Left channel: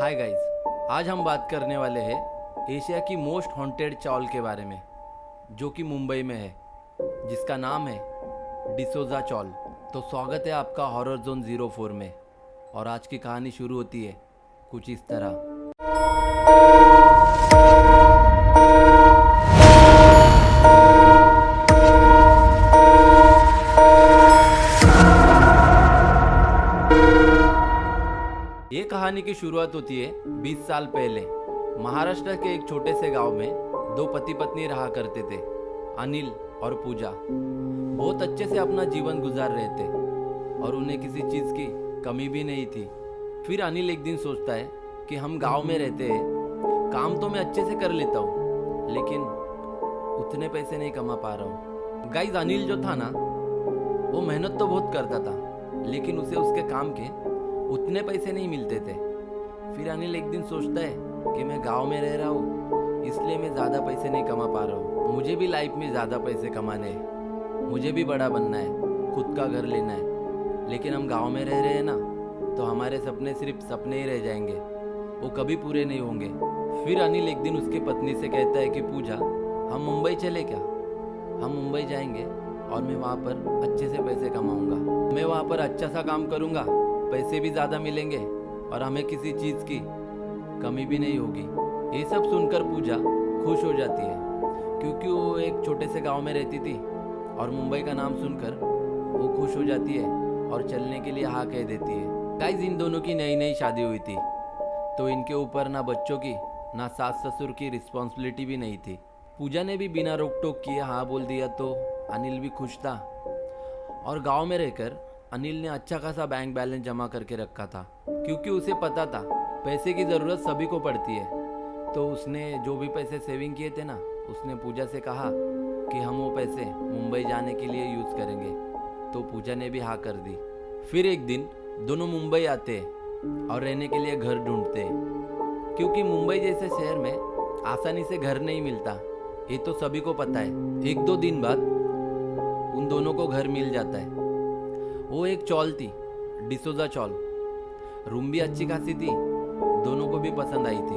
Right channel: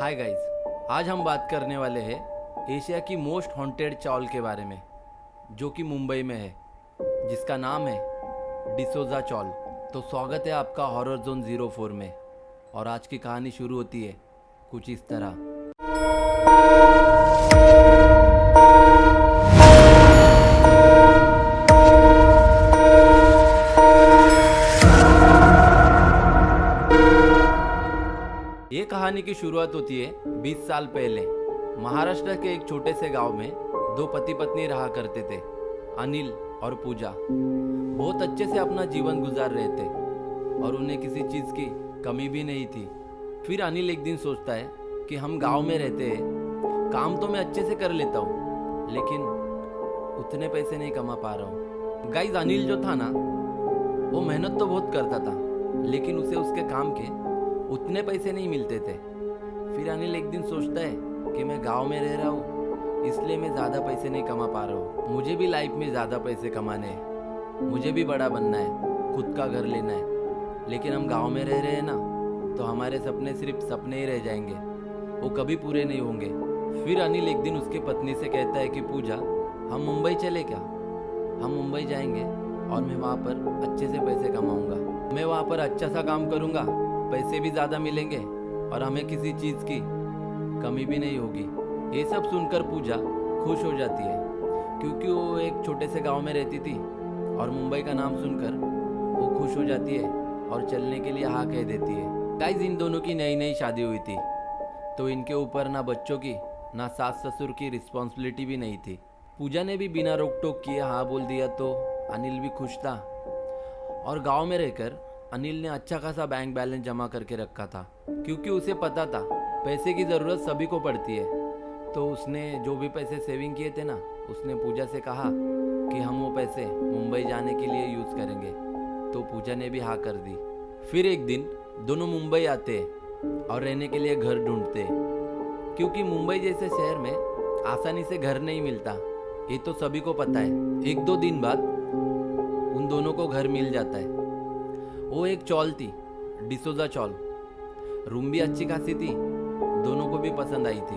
Hi guys, आज हम बात करने वाले हैं एशिया की मोस्ट हॉन्टेड चॉल के बारे में, जो कि मुंबई में है, जिसका नाम है डिसोजा चॉल। तो स्वागत है आपका हॉरर जोन 04 में। और आज की कहानी शुरू होती है कुछ इस तरह। ये कहानी की शुरुआत होती है 20 साल पहले। महाराष्ट्र के एक छोटे से गांव में दो पति पत्नी रहा करते थे, अनिल और पूजा। बहुत अच्छे से अपना जीवन गुजार रहे थे और उन्हें किसी चीज़ की कमी भी नहीं थी। फिर अनिल एक दिन सोचता है कि हम गांव में रहते हैं, काम तो मैं अच्छे से कर लेता हूँ, लेकिन उतने पैसे नहीं कमा पा रहा हूँ। गाइस, अनिल जो था ना, वो मेहनत तो बहुत करता था, लेकिन उसे उसके काम के उतने पैसे नहीं मिलते थे। फिर अनिल एक दिन सोचता है कि मैं गांव में रह रहा हूँ, इसलिए मैं ज़्यादा पैसे नहीं कमा पा रहा हूँ। मुझे भी लाइफ में ज़्यादा पैसे कमाने हैं, मुझे भी बड़ा बनना है, खुद का घर लेना है। लेकिन हम गांव में रह रहे हैं ना, तो हमारे सपने सिर्फ सपने ही रह जाएंगे, वो कभी पूरे नहीं होंगे। फिर अनिल एक दिन उसकी पत्नी से कहता है कि पूजा, हम मुंबई चले क्या? हम मुंबई जाएंगे और मैं वहाँ पर अच्छे से पैसे कमाऊँगा। मैं वहाँ पर अच्छा सा काम करूँगा, पैसे भी ज़्यादा मिलेंगे और हमें किसी चीज़ की कमी भी नहीं होगी। ये सब सुनकर पूजा खुश हो जाती है, क्योंकि वो एक छोटे से गांव में रहती थी और मुंबई का नाम सुनकर वो खुश हो जाती है और चलने के लिए हाँ कह देती है। गाइस, इन दोनों की नई नई शादी हुई थी, तो इनके ऊपर ना बच्चों की ना सास ससुर की रिस्पॉन्सिबिलिटी भी नहीं थी। पूजा ने भी बिना रोक टोक किए हाँ बोल दिया, तो अनिल भी खुश था। और गांव में रहकर अनिल ने अच्छा खासा बैंक बैलेंस जमा करके रखा था, क्योंकि उसे पता था पैसे की ज़रूरत सभी को पड़ती है। तो उसने जो भी पैसे सेविंग किए थे ना, उसने पूजा से कहा कि हम वो पैसे मुंबई जाने के लिए यूज़ करेंगे। तो पूजा ने भी हाँ कर दी। फिर एक दिन दोनों मुंबई आते और रहने के लिए घर ढूंढते, क्योंकि मुंबई जैसे शहर में आसानी से घर नहीं मिलता, ये तो सभी को पता है। एक दो दिन बाद उन दोनों को घर मिल जाता है। वो एक चॉल थी, डिसोजा चॉल। रूम भी अच्छी खासी थी, दोनों को भी पसंद आई थी।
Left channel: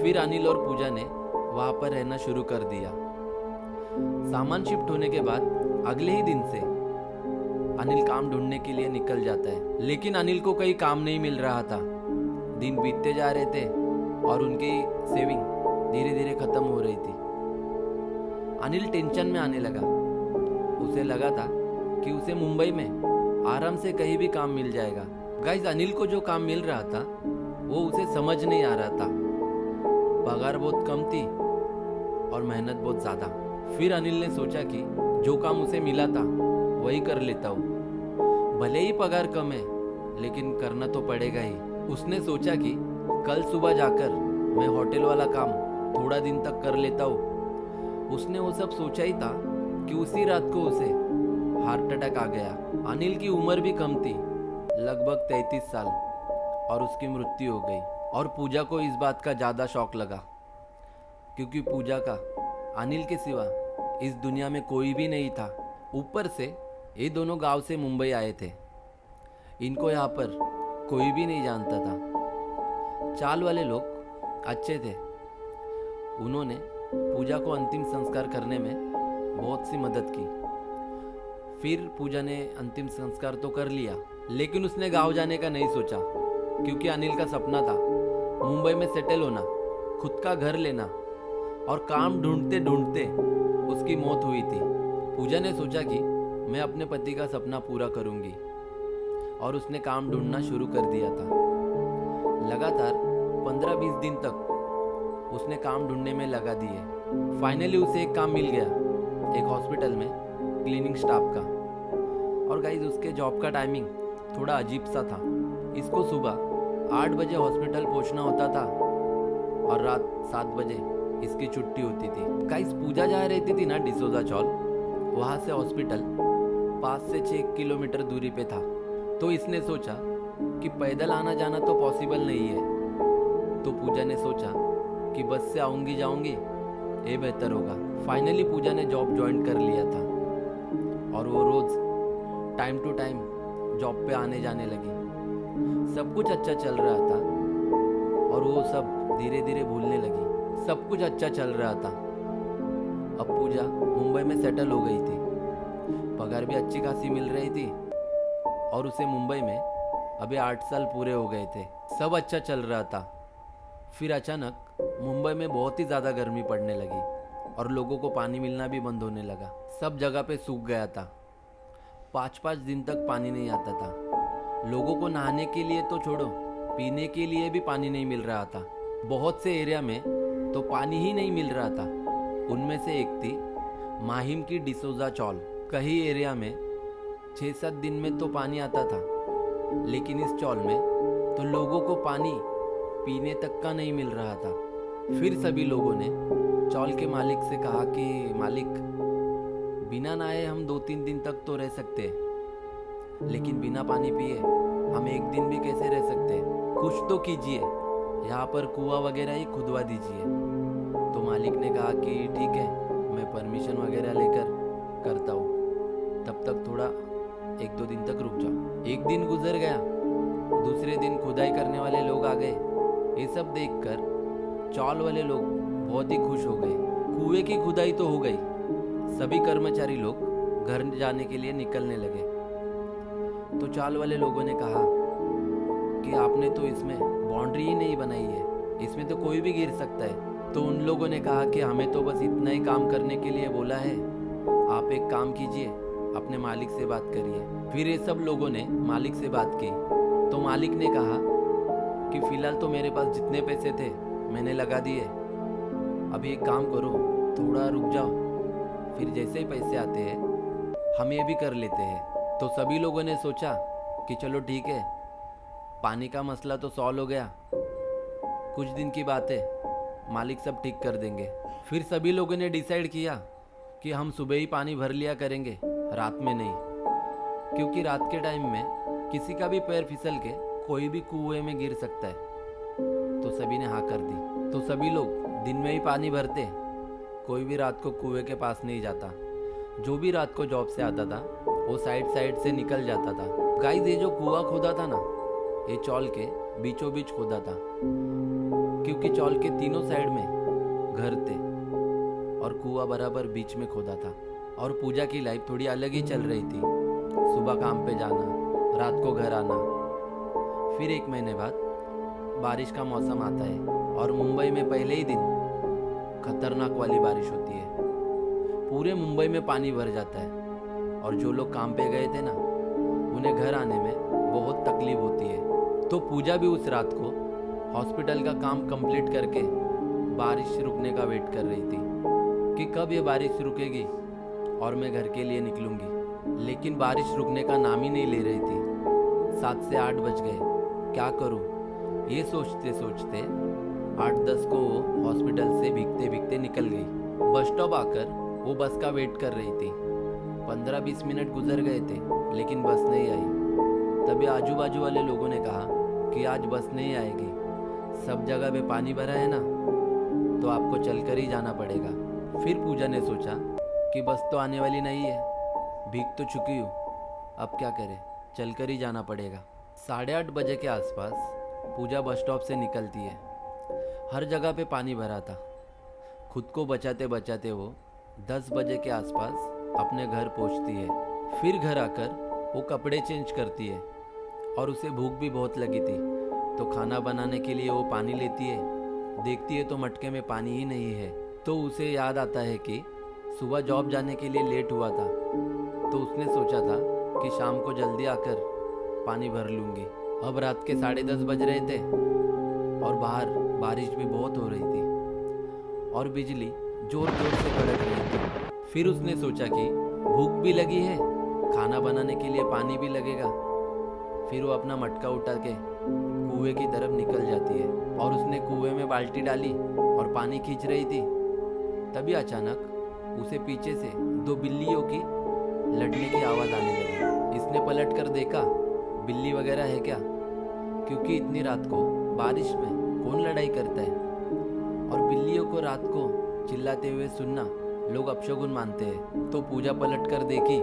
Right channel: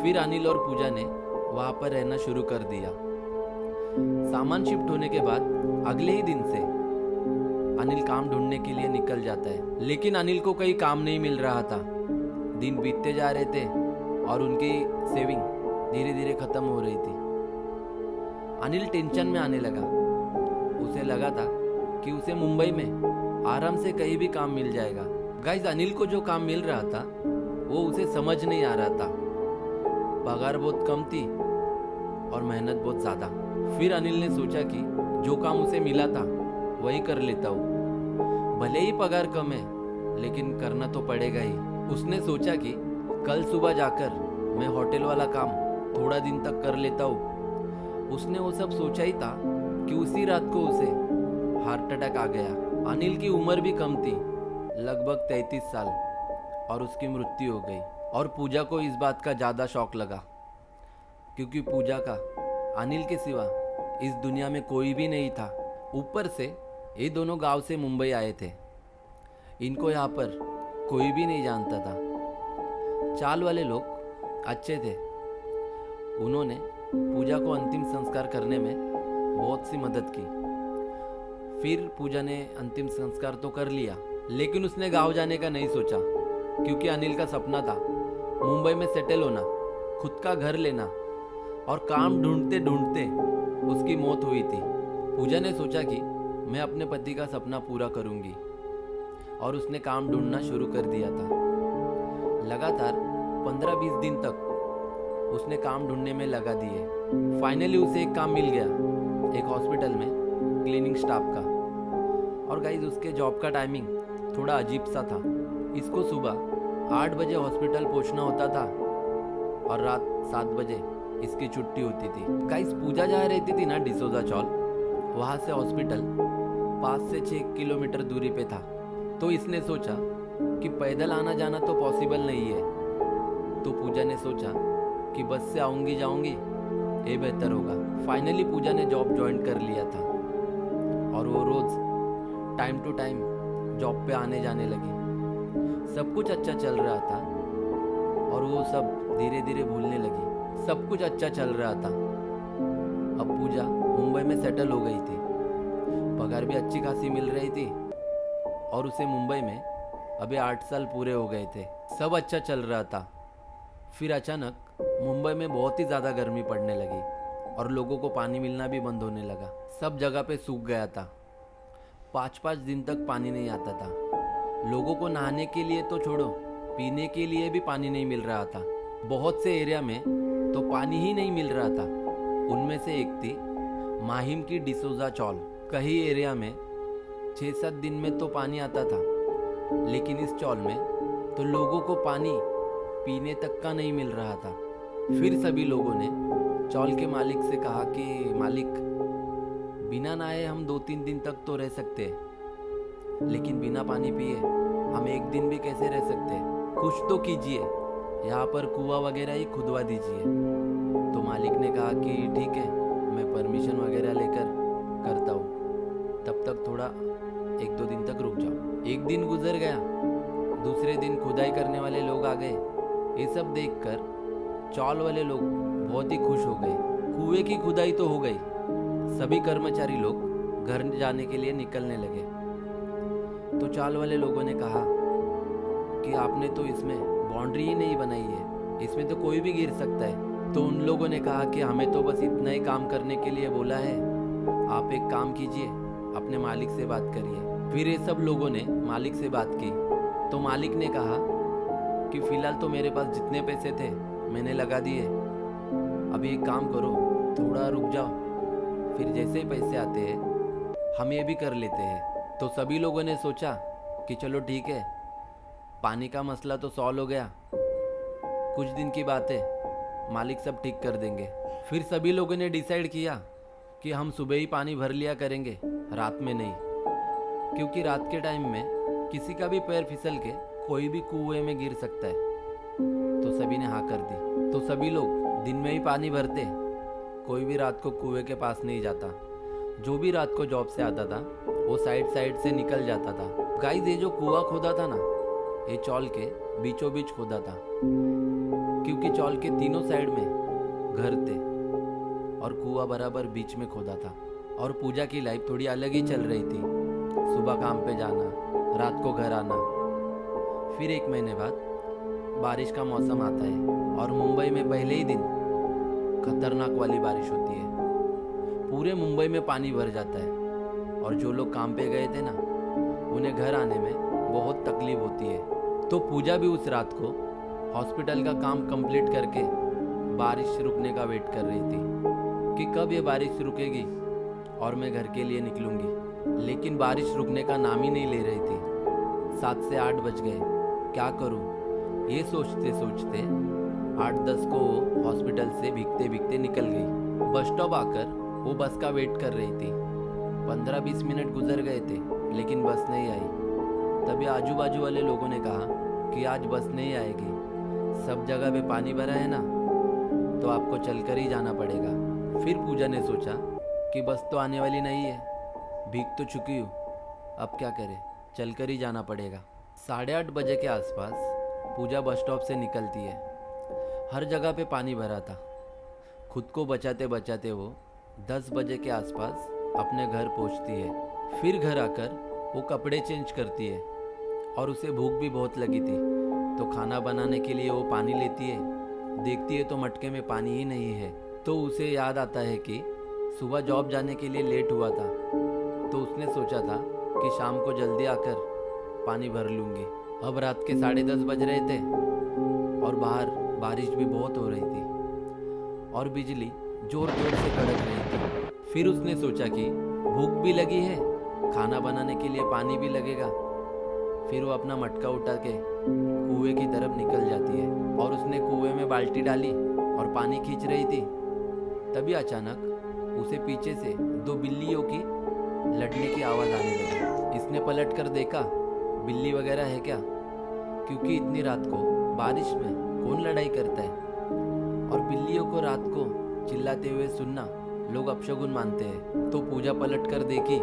फिर अनिल और पूजा ने वहाँ पर रहना शुरू कर दिया। सामान शिफ्ट होने के बाद अगले ही दिन से अनिल काम ढूंढने के लिए निकल जाता है, लेकिन अनिल को कहीं काम नहीं मिल रहा था। दिन बीतते जा रहे थे और उनकी सेविंग धीरे धीरे खत्म हो रही थी। अनिल टेंशन में आने लगा। उसे लगा था कि उसे मुंबई में आराम से कहीं भी काम मिल जाएगा। गाइस, अनिल को जो काम मिल रहा था वो उसे समझ नहीं आ रहा था। पगार बहुत कम थी और मेहनत बहुत ज़्यादा। फिर अनिल ने सोचा कि जो काम उसे मिला था वही कर लेता हूँ, भले ही पगार कम है, लेकिन करना तो पड़ेगा ही। उसने सोचा कि कल सुबह जाकर मैं होटल वाला काम थोड़ा दिन तक कर लेता हूँ। उसने वो सब सोचा ही था कि उसी रात को उसे हार्ट अटैक आ गया। अनिल की उम्र भी कम थी, लगभग 33 साल, और उसकी मृत्यु हो गई। और पूजा को इस बात का ज़्यादा शौक लगा, क्योंकि पूजा का अनिल के सिवा इस दुनिया में कोई भी नहीं था। ऊपर से ये दोनों गांव से मुंबई आए थे, इनको यहाँ पर कोई भी नहीं जानता था। चाल वाले लोग अच्छे थे, उन्होंने पूजा को अंतिम संस्कार करने में बहुत सी मदद की। फिर पूजा ने अंतिम संस्कार तो कर लिया, लेकिन उसने गांव जाने का नहीं सोचा, क्योंकि अनिल का सपना था मुंबई में सेटल होना, खुद का घर लेना। और काम ढूंढते ढूंढते उसकी मौत हुई थी। पूजा ने सोचा कि मैं अपने पति का सपना पूरा करूंगी, और उसने काम ढूंढना शुरू कर दिया था। लगातार 15-20 दिन तक उसने काम ढूंढने में लगा दिए। फाइनली उसे एक काम मिल गया, एक हॉस्पिटल में क्लीनिंग स्टाफ का। और गाइस, उसके जॉब का टाइमिंग थोड़ा अजीब सा था। इसको सुबह 8 बजे हॉस्पिटल पहुंचना होता था और रात 7 बजे इसकी छुट्टी होती थी। गाइस, पूजा जहाँ रहती थी ना, डिसोजा चौल, वहाँ से हॉस्पिटल 5 से 6 किलोमीटर दूरी पे था। तो इसने सोचा कि पैदल आना जाना तो पॉसिबल नहीं है। तो पूजा ने सोचा कि बस से आऊँगी जाऊँगी, ये बेहतर होगा। फाइनली पूजा ने जॉब ज्वाइन कर लिया था और वो रोज़ टाइम टू टाइम जॉब पे आने जाने लगी। सब कुछ अच्छा चल रहा था और वो सब धीरे धीरे भूलने लगी। सब कुछ अच्छा चल रहा था। अब पूजा मुंबई में सेटल हो गई थी, पगार भी अच्छी खासी मिल रही थी और उसे मुंबई में अभी 8 साल पूरे हो गए थे। सब अच्छा चल रहा था। फिर अचानक मुंबई में बहुत ही ज़्यादा गर्मी पड़ने लगी और लोगों को पानी मिलना भी बंद होने लगा। सब जगह पे सूख गया था। 5-5 दिन तक पानी नहीं आता था। लोगों को नहाने के लिए तो छोड़ो, पीने के लिए भी पानी नहीं मिल रहा था। बहुत से एरिया में तो पानी ही नहीं मिल रहा था। उनमें से एक थी माहिम की डिसोजा चौल। कई एरिया में 6-7 दिन में तो पानी आता था, लेकिन इस चौल में तो लोगों को पानी पीने तक का नहीं मिल रहा था। फिर सभी लोगों ने चौल के मालिक से कहा कि मालिक, बिना नहाए हम 2-3 दिन तक तो रह सकते हैं, लेकिन बिना पानी पिए हम एक दिन भी कैसे रह सकते हैं? कुछ तो कीजिए, यहाँ पर कुआं वगैरह ही खुदवा दीजिए। तो मालिक ने कहा कि ठीक है, मैं परमिशन वगैरह लेकर करता हूँ, तब तक थोड़ा 1-2 दिन तक रुक जाओ। एक दिन गुजर गया, दूसरे दिन खुदाई करने वाले लोग आ गए। ये सब देखकर चौल वाले लोग बहुत ही खुश हो गए। कुएं की खुदाई तो हो गई। सभी कर्मचारी लोग घर जाने के लिए निकलने लगे। तो चौल वाले लोगों ने कहा कि आपने तो इसमें बाउंड्री ही नहीं बनाई है, इसमें तो कोई भी गिर सकता है। तो उन लोगों ने कहा कि हमें तो बस इतना ही काम करने के लिए बोला है, आप एक काम कीजिए, अपने मालिक से बात करिए। फिर ये सब लोगों ने मालिक से बात की। तो मालिक ने कहा कि फ़िलहाल तो मेरे पास जितने पैसे थे मैंने लगा दिए, अभी एक काम करो, थोड़ा रुक जाओ, फिर जैसे ही पैसे आते हैं हम ये भी कर लेते हैं। तो सभी लोगों ने सोचा कि चलो ठीक है, पानी का मसला तो सॉल्व हो गया, कुछ दिन की बात है, मालिक सब ठीक कर देंगे। फिर सभी लोगों ने डिसाइड किया कि हम सुबह ही पानी भर लिया करेंगे, रात में नहीं, क्योंकि रात के टाइम में किसी का भी पैर फिसल के कोई भी कुएं में गिर सकता है। तो सभी ने हाँ कर दी। तो सभी लोग दिन में ही पानी भरते, कोई भी रात को कुएं के पास नहीं जाता। जो भी रात को जॉब से आता था वो साइड से निकल जाता था। गाइस, ये जो कुआं खोदा था ना, ये चौल के बीचों बीच खोदा था, क्योंकि चौल के तीनों साइड में घर थे और कुआं बराबर बीच में खोदा था। और पूजा की लाइफ थोड़ी अलग ही चल रही थी। सुबह काम पे जाना, रात को घर आना। फिर 1 महीने बाद बारिश का मौसम आता है और मुंबई में पहले ही दिन खतरनाक वाली बारिश होती है। पूरे मुंबई में पानी भर जाता है और जो लोग काम पे गए थे ना, उन्हें घर आने में बहुत तकलीफ होती है। तो पूजा भी उस रात को हॉस्पिटल का काम कंप्लीट करके बारिश रुकने का वेट कर रही थी कि कब ये बारिश रुकेगी और मैं घर के लिए निकलूंगी। लेकिन बारिश रुकने का नाम ही नहीं ले रही थी। 7 से 8 बज गए, क्या करूं? ये सोचते सोचते 8-10 को वो हॉस्पिटल से भीगते भीगते निकल गई। बस स्टॉप आकर वो बस का वेट कर रही थी। 15-20 मिनट गुजर गए थे, लेकिन बस नहीं आई। तभी आजू बाजू वाले लोगों ने कहा कि आज बस नहीं आएगी, सब जगह पे पानी भरा है ना, तो आपको चलकर ही जाना पड़ेगा। फिर पूजा ने सोचा कि बस तो आने वाली नहीं है, भीग तो चुकी हूँ, अब क्या करें, चलकर ही जाना पड़ेगा। 8:30 बजे के आसपास पूजा बस स्टॉप से निकलती है। हर जगह पे पानी भरा था। खुद को बचाते बचाते वो 10 बजे के आसपास अपने घर पहुंचती है। फिर घर आकर वो कपड़े चेंज करती है और उसे भूख भी बहुत लगी थी। तो खाना बनाने के लिए वो पानी लेती है, देखती है तो मटके में पानी ही नहीं है। तो उसे याद आता है कि सुबह जॉब जाने के लिए लेट हुआ था, तो उसने सोचा था कि शाम को जल्दी आकर पानी भर लूँगी। अब रात के 10:30 बज रहे थे और बाहर बारिश भी बहुत हो रही थी और बिजली जोर जोर से कड़क रही थी। फिर उसने सोचा कि भूख भी लगी है, खाना बनाने के लिए पानी भी लगेगा। फिर वो अपना मटका उठा के कुएं की तरफ निकल जाती है और उसने कुएं में बाल्टी डाली और पानी खींच रही थी। तभी अचानक उसे पीछे से 2 बिल्लियों की लड़ने की आवाज़ आने लगी। इसने पलट कर देखा, बिल्ली वगैरह है क्या, क्योंकि इतनी रात को बारिश में कौन लड़ाई करता है। और बिल्लियों को रात को चिल्लाते हुए सुनना लोग अपशगुन मानते हैं। तो पूजा पलट कर देखी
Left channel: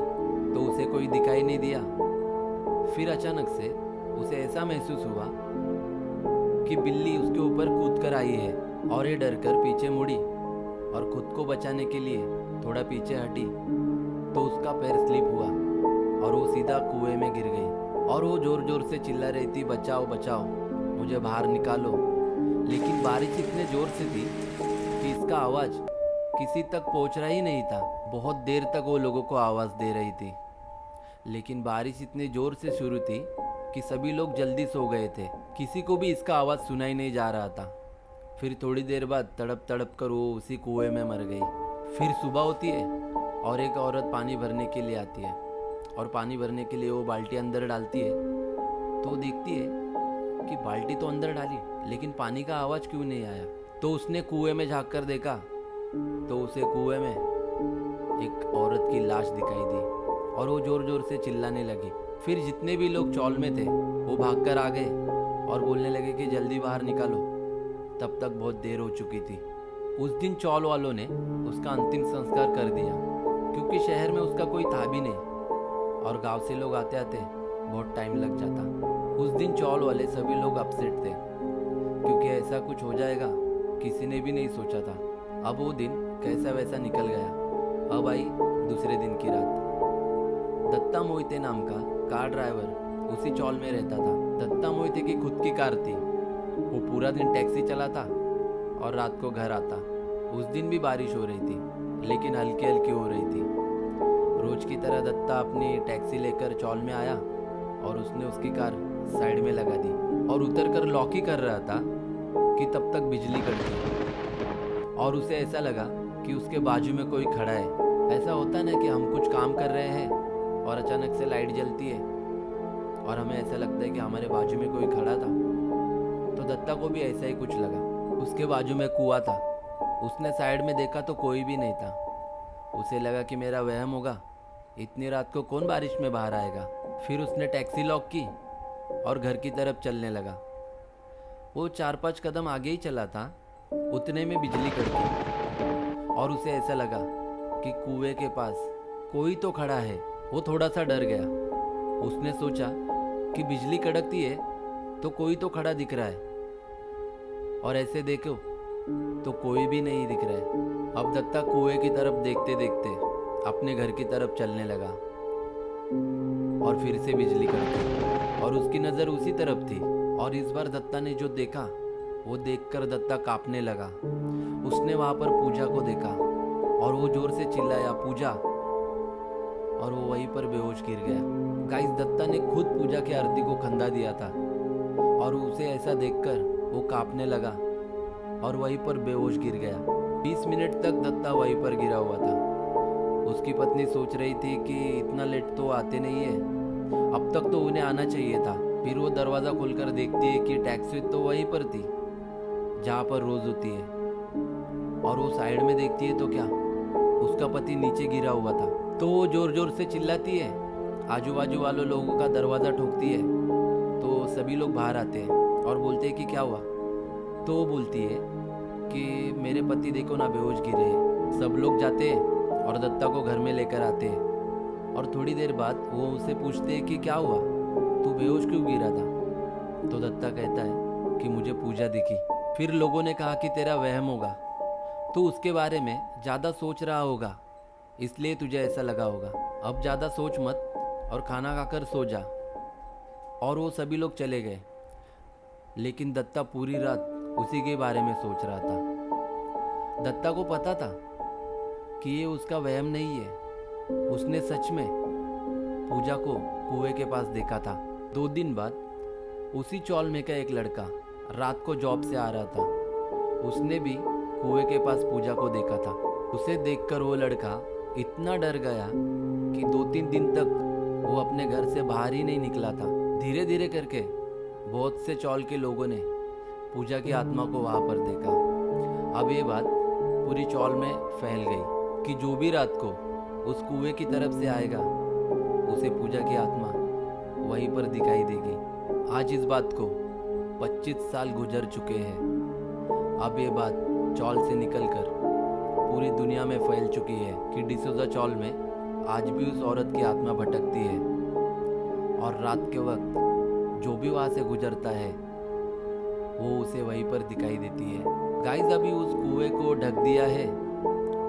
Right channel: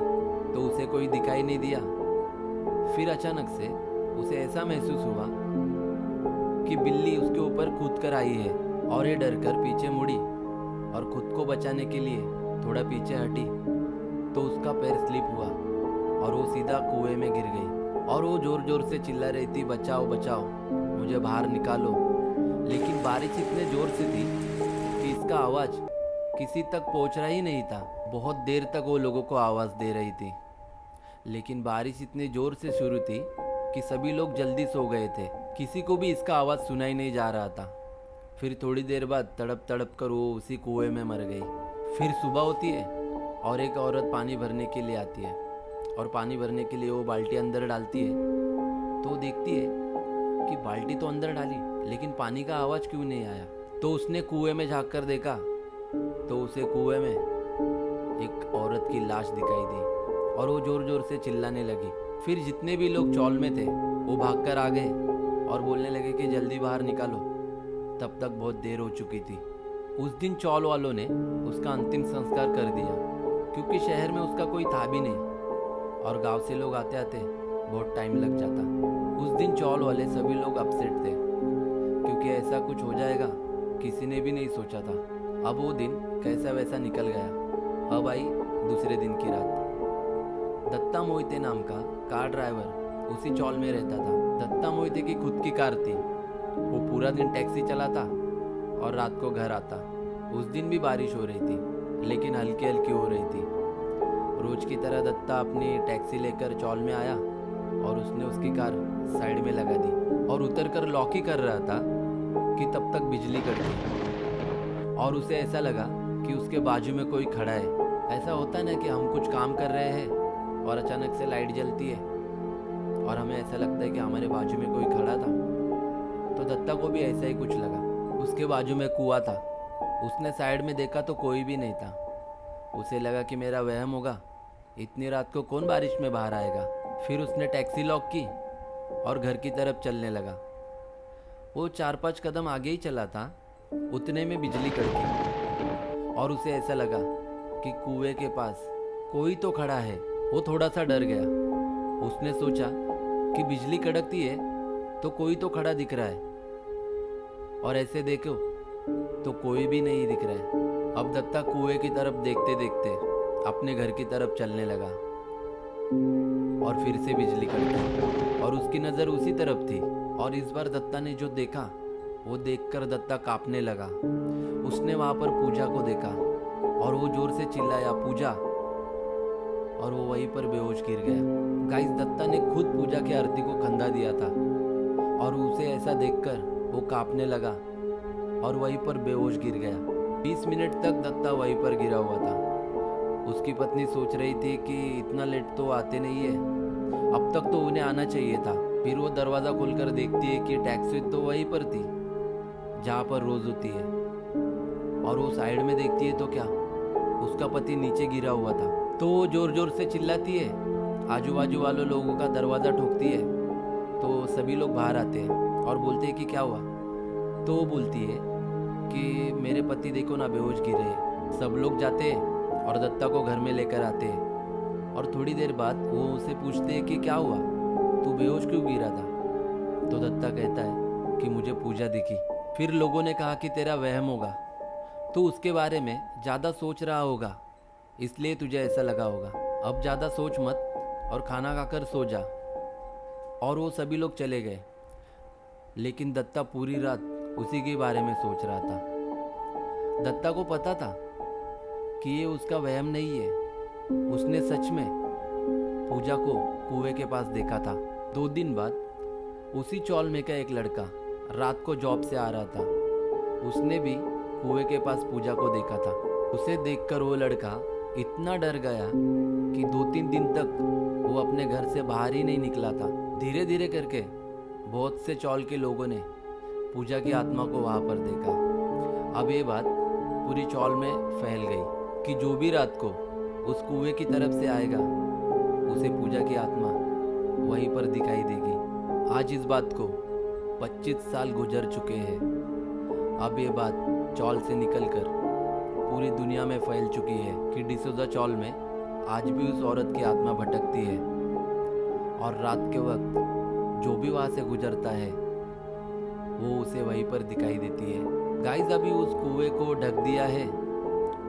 तो उसे कोई दिखाई नहीं दिया। फिर अचानक से उसे ऐसा महसूस हुआ कि बिल्ली उसके ऊपर कूद कर आई है और ये डर कर पीछे मुड़ी और खुद को बचाने के लिए थोड़ा पीछे हटी तो उसका पैर स्लिप हुआ और वो सीधा कुएं में गिर गई और वो जोर जोर से चिल्ला रही थी, बचाओ बचाओ, मुझे बाहर निकालो। लेकिन बारिश इतने जोर से थी कि इसका आवाज़ किसी तक पहुंच रहा ही नहीं था। बहुत देर तक वो लोगों को आवाज़ दे रही थी, लेकिन बारिश इतनी जोर से शुरू थी कि सभी लोग जल्दी सो गए थे। किसी को भी इसका आवाज़ सुनाई नहीं जा रहा था। फिर थोड़ी देर बाद तड़प तड़प कर वो उसी कुएं में मर गई। फिर सुबह होती है और एक औरत पानी भरने के लिए आती है और पानी भरने के लिए वो बाल्टी अंदर डालती है तो वो देखती है कि बाल्टी तो अंदर डाली लेकिन पानी का आवाज़ क्यों नहीं आया। तो उसने कुएं में झांक कर देखा तो उसे कुएं में एक औरत की लाश दिखाई दी और वो जोर जोर से चिल्लाने लगी। फिर जितने भी लोग चौल में थे वो भागकर आ गए और बोलने लगे कि जल्दी बाहर निकालो। तब तक बहुत देर हो चुकी थी। उस दिन चौल वालों ने उसका अंतिम संस्कार कर दिया क्योंकि शहर में उसका कोई था भी नहीं और गांव से लोग आते आते बहुत टाइम लग जाता। उस दिन चौल वाले सभी लोग अपसेट थे क्योंकि ऐसा कुछ हो जाएगा किसी ने भी नहीं सोचा था। अब वो दिन कैसा वैसा निकल गया। अब आई दूसरे दिन की रात। दत्ता मोहिते नाम का कार ड्राइवर उसी चौल में रहता था। दत्ता मोहिते की खुद की कार थी। वो पूरा दिन टैक्सी चलाता और रात को घर आता। उस दिन भी बारिश हो रही थी लेकिन हल्की हल्की हो रही थी। रोज की तरह दत्ता अपनी टैक्सी लेकर चौल में आया और उसने उसकी कार साइड में लगा दी और उतर कर लॉक ही कर रहा था कि तब तक बिजली कड़की और उसे ऐसा लगा कि उसके बाजू में कोई खड़ा है। ऐसा होता है ना कि हम कुछ काम कर रहे हैं और अचानक से लाइट जलती है और हमें ऐसा लगता है कि हमारे बाजू में कोई खड़ा था। तो दत्ता को भी ऐसा ही कुछ लगा। उसके बाजू में कुआं था। उसने साइड में देखा तो कोई भी नहीं था। उसे लगा कि मेरा वहम होगा, इतनी रात को कौन बारिश में बाहर आएगा। फिर उसने टैक्सी लॉक की और घर की तरफ चलने लगा। वो 4-5 कदम आगे ही चला था, उतने में बिजली कड़की और उसे ऐसा लगा कि कुएं के पास कोई तो खड़ा है। वो थोड़ा सा डर गया। उसने सोचा कि बिजली कड़कती है तो कोई तो खड़ा दिख रहा है और ऐसे देखो तो कोई भी नहीं दिख रहा है। अब दत्ता कुएं की तरफ देखते देखते अपने घर की तरफ चलने लगा और फिर से बिजली कड़की और उसकी नज़र उसी तरफ थी। और इस बार दत्ता ने जो देखा वो देखकर दत्ता कांपने लगा। उसने वहाँ पर पूजा को देखा और वो जोर से चिल्लाया, पूजा, और वो वहीं पर बेहोश गिर गया। गाइस, दत्ता ने खुद पूजा की आरती को खंदा दिया था और उसे ऐसा देखकर वो कांपने लगा और वहीं पर बेहोश गिर गया। 20 मिनट तक दत्ता वहीं पर गिरा हुआ था। उसकी पत्नी सोच रही थी कि इतना लेट तो आते नहीं है, अब तक तो उन्हें आना चाहिए था। फिर वो दरवाज़ा खोलकर देखती है कि टैक्सी तो वहीं पर थी जहाँ पर रोज होती है और वो साइड में देखती है तो क्या, उसका पति नीचे गिरा हुआ था। तो वो जोर जोर से चिल्लाती है, आजू बाजू वालों लोगों का दरवाज़ा ठोकती है। तो सभी लोग बाहर आते हैं और बोलते हैं कि क्या हुआ। तो वो बोलती है कि मेरे पति देखो ना, बेहोश गिरे हैं। सब लोग जाते हैं और दत्ता को घर में लेकर आते हैं और थोड़ी देर बाद वो उसे पूछते हैं कि क्या हुआ, तू बेहोश क्यों गिरा था। तो दत्ता कहता है कि मुझे पूजा दिखी। फिर लोगों ने कहा कि तेरा वहम होगा, तू उसके बारे में ज़्यादा सोच रहा होगा, इसलिए तुझे ऐसा लगा होगा। अब ज़्यादा सोच मत और खाना खाकर सो जा। और वो सभी लोग चले गए, लेकिन दत्ता पूरी रात उसी के बारे में सोच रहा था। दत्ता को पता था कि ये उसका वहम नहीं है। उसने सच में पूजा को कुएं के पास देखा था। 2 दिन बाद उसी चौल में का एक लड़का रात को जॉब से आ रहा था। उसने भी कुएं के पास पूजा को देखा था। उसे देखकर वो लड़का इतना डर गया कि 2-3 दिन तक वो अपने घर से बाहर ही नहीं निकला था। धीरे धीरे करके बहुत से चौल के लोगों ने पूजा की आत्मा को वहाँ पर देखा। अब ये बात पूरी चौल में फैल गई कि जो भी रात को उस कुएं की तरफ से आएगा उसे पूजा की आत्मा वहीं पर दिखाई देगी। आज इस बात को 25 साल गुजर चुके हैं। अब ये बात चौल से निकलकर पूरी दुनिया में फैल चुकी है कि डिसोजा चौल में आज भी उस औरत की आत्मा भटकती है और रात के वक्त जो भी वहाँ से गुजरता है वो उसे वहीं पर दिखाई देती है। गाइस अभी उस कुएं को ढक दिया है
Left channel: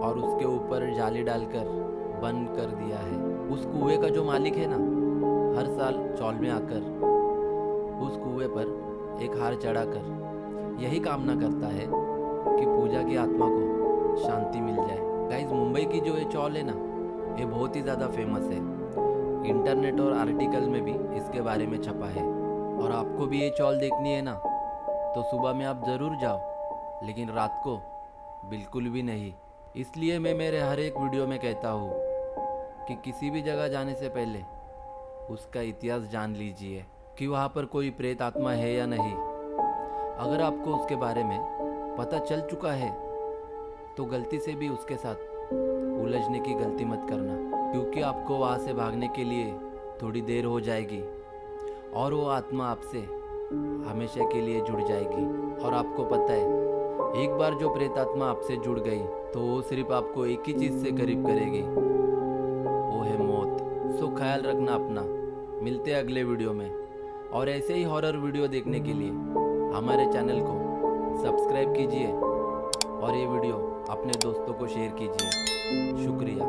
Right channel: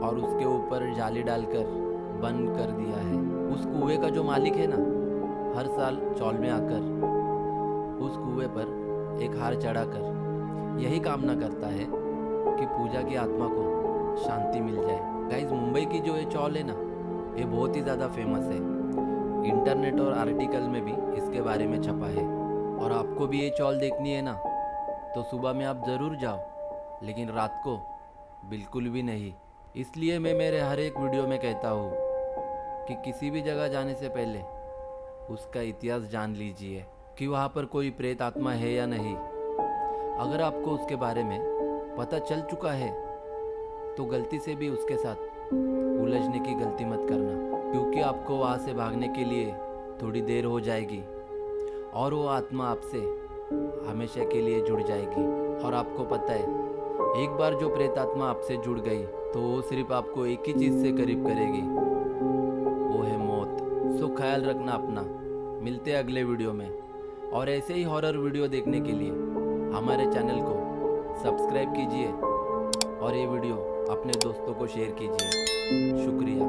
और उसके ऊपर जाली डालकर बंद कर दिया है। उस कुएं का जो मालिक है ना, हर साल चौल में आकर उस कुएं पर एक हार चढ़ाकर यही कामना करता है कि पूजा की आत्मा को शांति मिल जाए। गाइस मुंबई की जो ये चौल है ना, ये बहुत ही ज़्यादा फेमस है। इंटरनेट और आर्टिकल में भी इसके बारे में छपा है। और आपको भी ये चौल देखनी है ना, तो सुबह में आप ज़रूर जाओ, लेकिन रात को बिल्कुल भी नहीं। इसलिए मैं मेरे हर एक वीडियो में कहता हूँ कि किसी भी जगह जाने से पहले उसका इतिहास जान लीजिए कि वहाँ पर कोई प्रेत आत्मा है या नहीं। अगर आपको उसके बारे में पता चल चुका है तो गलती से भी उसके साथ उलझने की गलती मत करना, क्योंकि आपको वहाँ से भागने के लिए थोड़ी देर हो जाएगी और वो आत्मा आपसे हमेशा के लिए जुड़ जाएगी। और आपको पता है, एक बार जो प्रेत आत्मा आपसे जुड़ गई तो वो सिर्फ आपको एक ही चीज़ से करीब करेगी, वो है मौत। सो ख्याल रखना अपना। मिलते हैं अगले वीडियो में, और ऐसे ही हॉरर वीडियो देखने के लिए हमारे चैनल को सब्सक्राइब कीजिए और ये वीडियो अपने दोस्तों को शेयर कीजिए। शुक्रिया।